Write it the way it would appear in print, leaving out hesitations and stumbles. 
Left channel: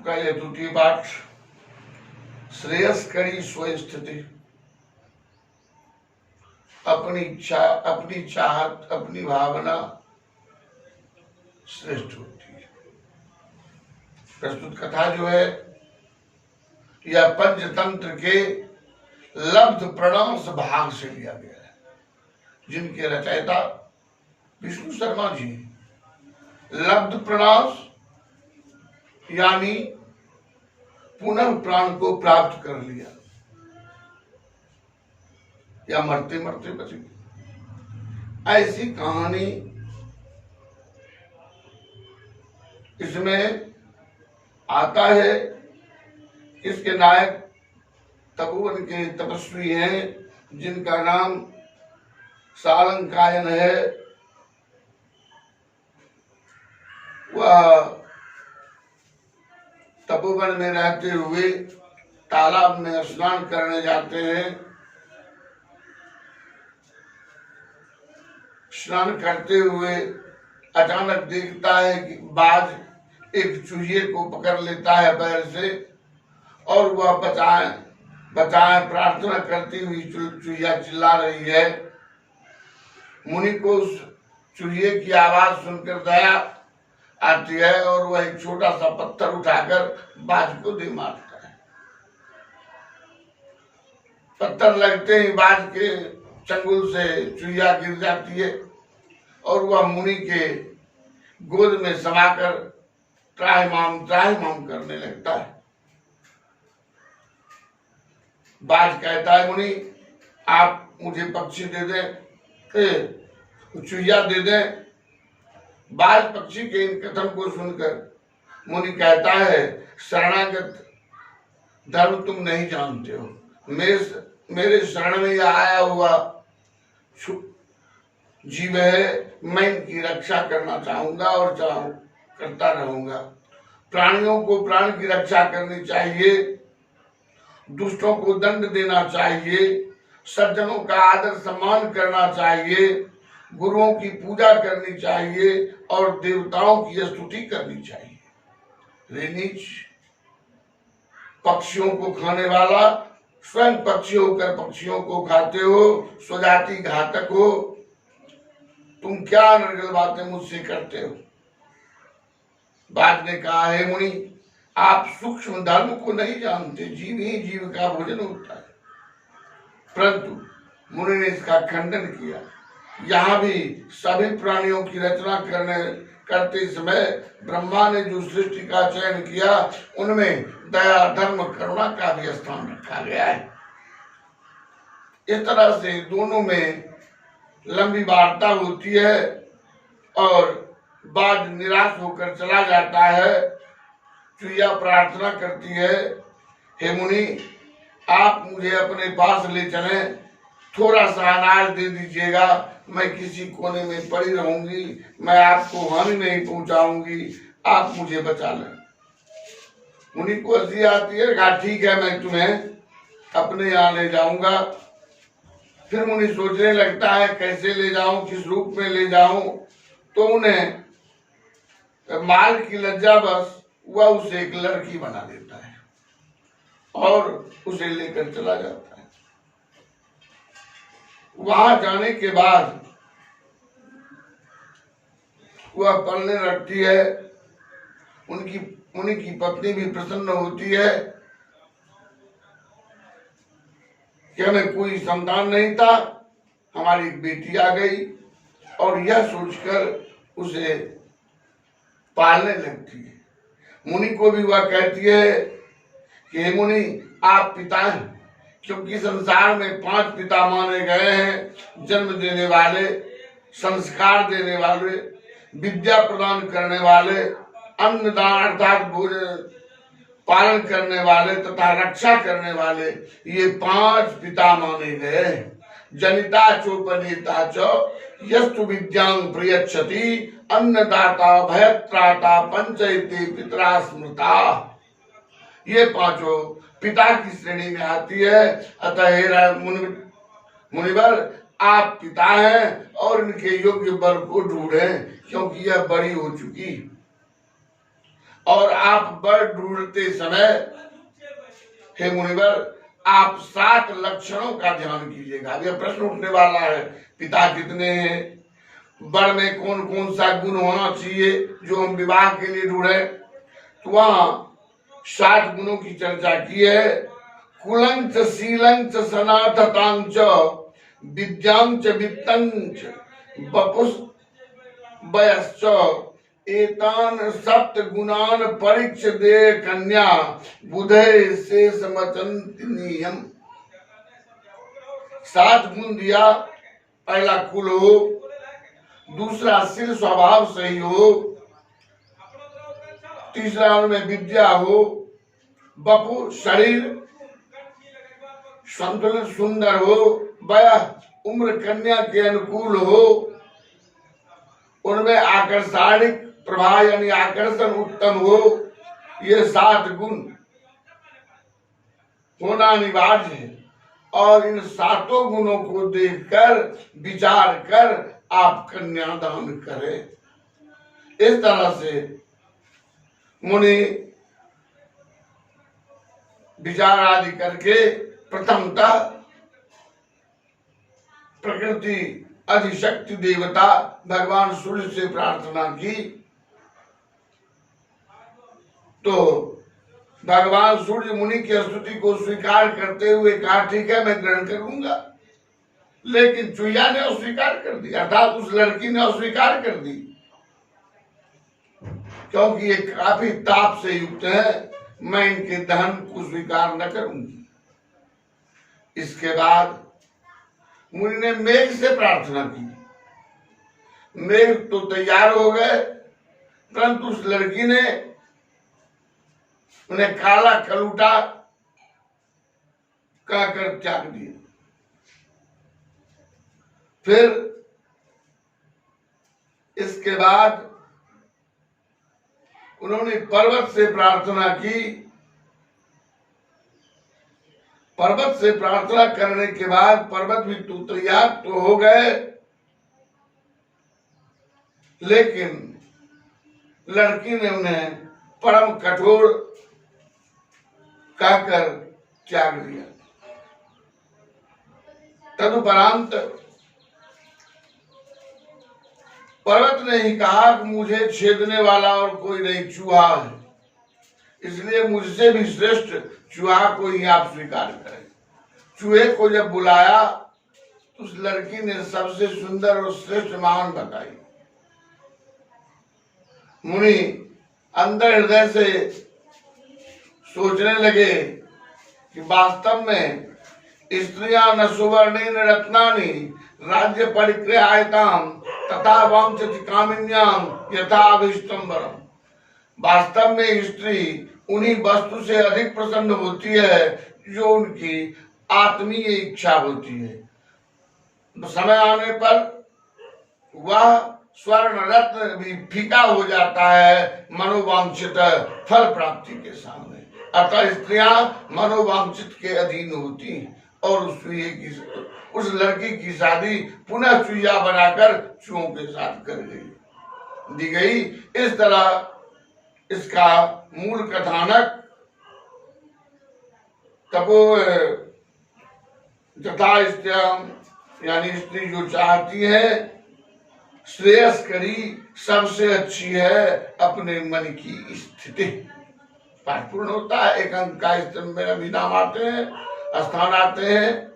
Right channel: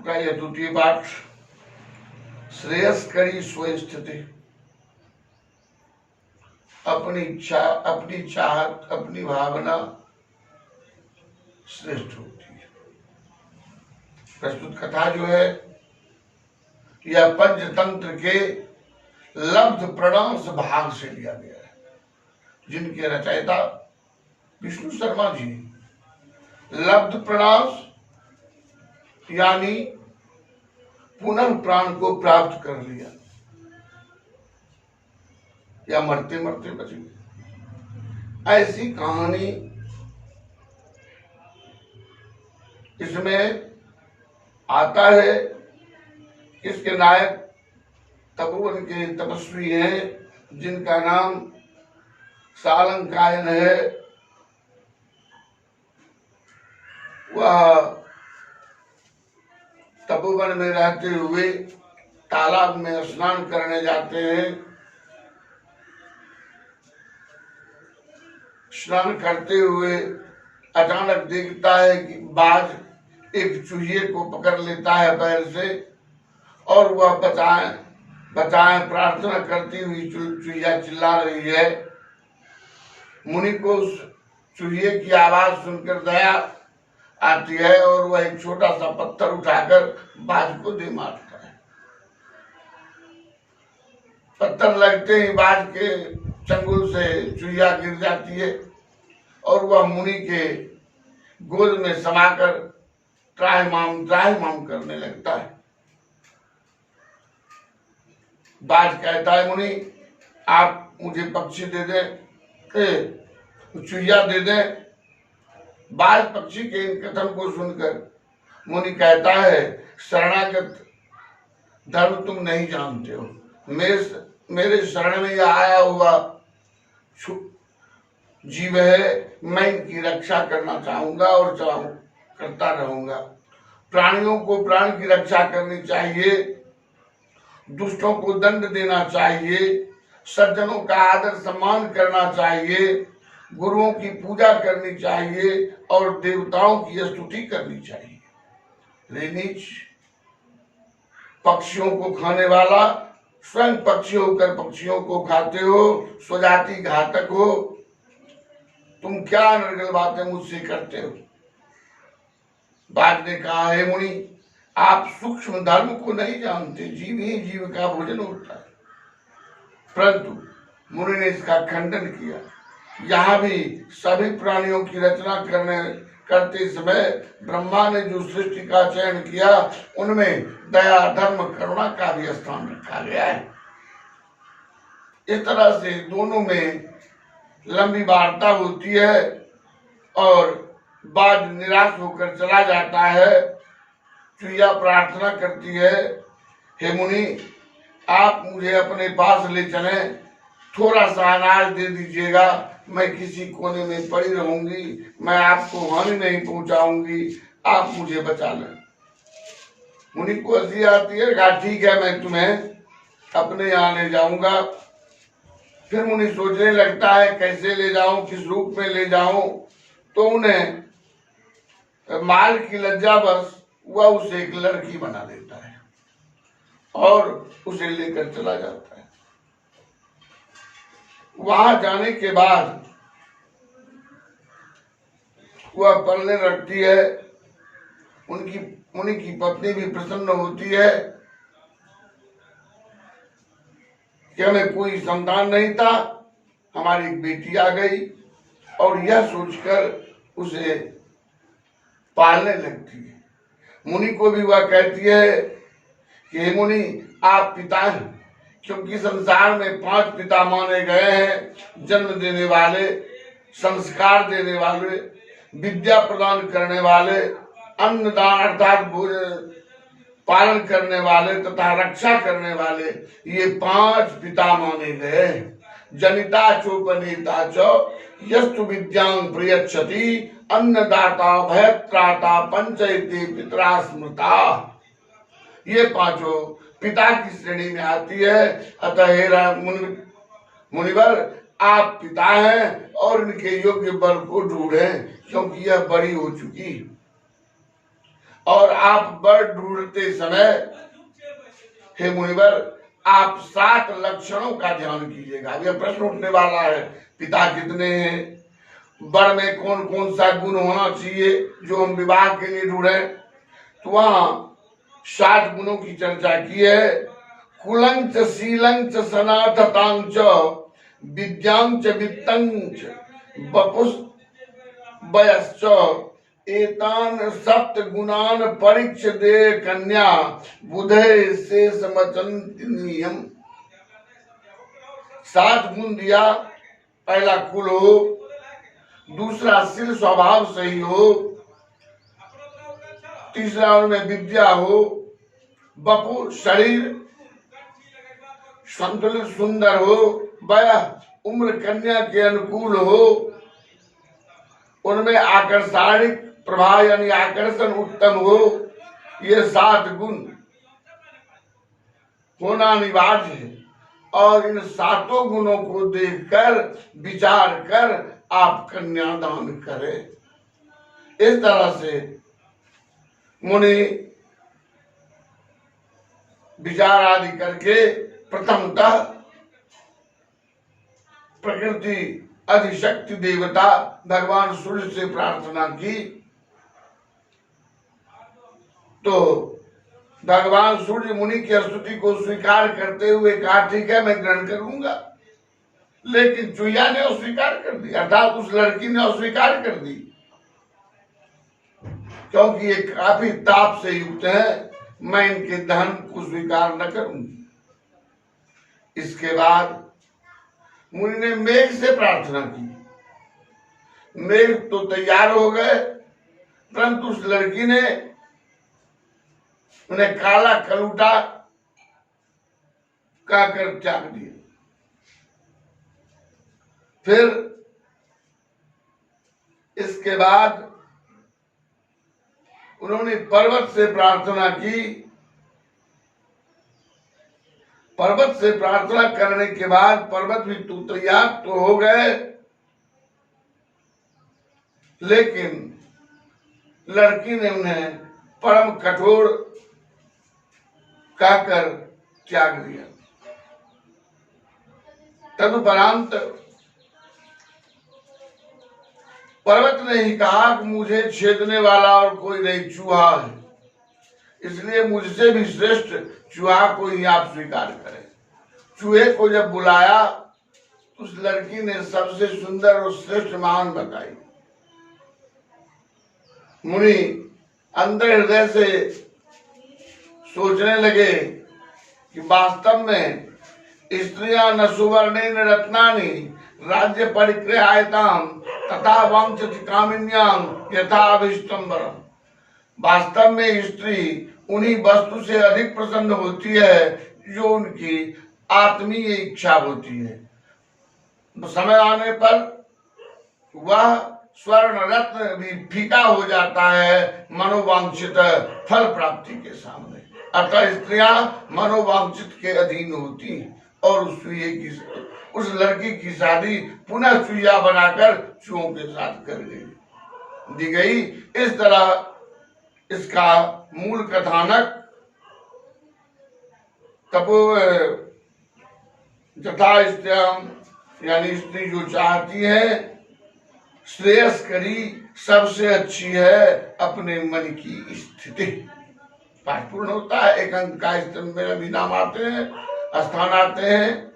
आपका यह द्वितीय पाठ श्रेयस्करी स्वस्थिति। अपनी इच्छा, अपनी चाहत, अपनी भावना श्रेष्ठ होती है। प्रस्तुत कथा जो है यह पंचतंत्र के लब्ध प्रणांश भाग से लिया गया है, जिनके रचयिता विष्णु शर्मा जी। लब्ध प्रणांश यानी पुनः प्राण को प्राप्त कर लिया या मरते मरते बच गए, ऐसी कहानी इसमें आता है। इसके नायक तपोवन के तपस्वी हैं, जिनका नाम सालंकायन है। वह तपोवन में रहते हुए तालाब में स्नान करने जाते हैं। स्नान करते हुए अचानक देखता है कि बाज एक चूहे को पकड़ लेता है पैर से, और वह बचाए बचाए प्रार्थना करती हुई चूहिया चिल्ला रही है। मुनि को उस चूहे की आवाज सुनकर दया आती है और वह एक छोटा सा पत्थर उठाकर बाज को दे मारता है। पत्थर लगते ही बाज के चंगुल से चूहिया गिर जाती है और वह मुनि के गोद में समाकर त्राहिमाम करने लगता है। बाज कहता है, मुनि आप मुझे पक्षी दे दें, चूहिया दे दें। बाज पक्षी के इन कथन को सुनकर मुनि कहता है, शरणागत धर्म तुम नहीं जानते हो। मेरे शरण में यह आया हुआ जीव है, मैं इनकी रक्षा करना चाहूंगा और करता रहूंगा। प्राणियों को प्राण की रक्षा करनी चाहिए, दुष्टों को दंड देना चाहिए, सज्जनों का आदर सम्मान करना चाहिए, गुरुओं की पूजा करनी चाहिए और देवताओं की स्तुति करनी चाहिए। नीच पक्षियों को खाने वाला, स्वयं पक्षी होकर पक्षियों को खाते हो, स्वजाति घातक हो, तुम क्या निर्गल बातें मुझसे करते हो। बाज ने कहा, है मुनि आप सूक्ष्म धर्म को नहीं जानते, जीव ही जीव का भोजन होता है। परंतु मुनि ने इसका खंडन किया। यहाँ भी सभी प्राणियों की रचना करते समय ब्रह्मा ने जो सृष्टि का चयन किया, उनमें दया, धर्म, करुणा का भी स्थान रखा गया है। इस तरह से दोनों में लंबी वार्ता होती है और बाज निराश होकर चला जाता है। चूहिया प्रार्थना करती है, हे मुनि आप मुझे अपने पास ले चलें, थोड़ा सा अनाज दे दीजिएगा, मैं किसी कोने में पड़ी रहूंगी, मैं आपको हानि नहीं पहुंचाऊंगी, आप मुझे बचा लें। मुनि को हंसी आती है, कहा ठीक है मैं तुम्हें अपने यहाँ ले जाऊंगा। फिर मुनि सोचने लगता है कैसे ले जाऊं, किस रूप में ले जाऊं। तो उन्हें माल की लज्जा बस वह उसे एक लड़की बना देता है और उसे लेकर चला जाता है। वहां जाने के बाद वह पलने लगती है। मुनि की पत्नी भी प्रसन्न होती है कि हमें कोई संतान नहीं था, हमारी एक बेटी आ गई, और यह सोचकर उसे पालने लगती है। मुनि को भी वह कहती है कि हे मुनि आप पिता हैं, क्योंकि संसार में 5 पिता माने गए हैं, जन्म देने वाले, संस्कार देने वाले, विद्या प्रदान करने वाले, अन्नदान अर्थात भोजन पालन करने वाले तथा रक्षा करने वाले, ये 5 पिता माने गए। जनिता चोपनीता चो यस्तु विद्यांग प्रयच्छति, अन्नदाता भयत्राता पंचैते पितरा स्मृता। ये 5 पिता की श्रेणी में आती है। अतः हे मुनिवर आप पिता हैं और इनके योग्य वर को ढूंढें, क्योंकि यह बड़ी हो चुकी। और आप वर ढूंढते समय हे मुनिवर आप 7 लक्षणों का ध्यान कीजिएगा। यह प्रश्न उठने वाला है, पिता कितने हैं, वर में कौन कौन सा गुण होना चाहिए जो हम विवाह के लिए ढूंढे। तो वहां 7 गुणों की चर्चा की है। कुलंच शीलंच सनाततांच विद्यांच वित्तंच बपुस वयश्च एतान 7 गुणान परीक्ष दे कन्या बुधे शेष मचंतिनियम। 7 गुण दिया। पहला कुल हो, दूसरा शील स्वभाव सही हो, तीसरा उनमें विद्या हो, बपु शरीर संतुलित सुंदर हो, वयः उम्र कन्या के अनुकूल हो, उनमें आकर्षणिक प्रभाव यानी आकर्षण उत्तम हो। ये 7 गुण होना अनिवार्य है और इन 7 गुणों को देखकर विचार कर आप कन्यादान करें। इस तरह से मुनि विचार आदि करके प्रथमतः प्रकृति अधिशक्ति देवता भगवान सूर्य से प्रार्थना की। तो भगवान सूर्य मुनि की स्तुति को स्वीकार करते हुए कहा ठीक है मैं ग्रहण करूंगा। लेकिन चुईया ने अस्वीकार कर दी, अर्थात उस लड़की ने अस्वीकार कर दी, क्योंकि ये काफी ताप से युक्त है, मैं इनके धन को स्वीकार न करूंगी। इसके बाद मुनि ने मेघ से प्रार्थना की। मेघ तो तैयार हो गए, परंतु उस लड़की ने उन्हें काला कलूटा कहकर त्याग दिया। फिर इसके बाद उन्होंने पर्वत से प्रार्थना की। पर्वत से प्रार्थना करने के बाद पर्वत भी तो तैयार तो हो गए, लेकिन लड़की ने उन्हें परम कठोर कहकर त्याग दिया। तदुपरांत पर्वत ने ही कहा कि मुझे छेदने वाला और कोई नहीं, चूहा है, इसलिए मुझसे भी श्रेष्ठ चूहा को ही आप स्वीकार करें। चूहे को जब बुलाया तो उस लड़की ने सबसे सुंदर और श्रेष्ठ महान बताई। मुनि अंदर हृदय से सोचने लगे कि वास्तव में स्त्रियां न सुवर्णेन रत्नानि राज्य परिक्रयायताम तथा वंशति कामिन्याम यथा अभिष्टम वरम। वास्तव में स्त्री उन्हीं वस्तु से अधिक प्रसन्न होती है जो उनकी आत्मीय इच्छा होती है। समय आने पर वह स्वर्ण रत्न भी फीका हो जाता है मनोवांछित फल प्राप्ति के सामने। अतः स्त्रियां मनोवांछित के अधीन होती हैं और उस लड़की की शादी पुनः चुईया बनाकर चूहों के साथ कर दी गई। इस तरह इसका मूल कथानक तपो तथा यानी स्त्री जो चाहती है श्रेयस करी सबसे अच्छी है अपने मन की स्थिति। पाठ पूर्ण होता है। एक अंक का स्तंभ में भी नाम आते हैं, स्थान आते हैं।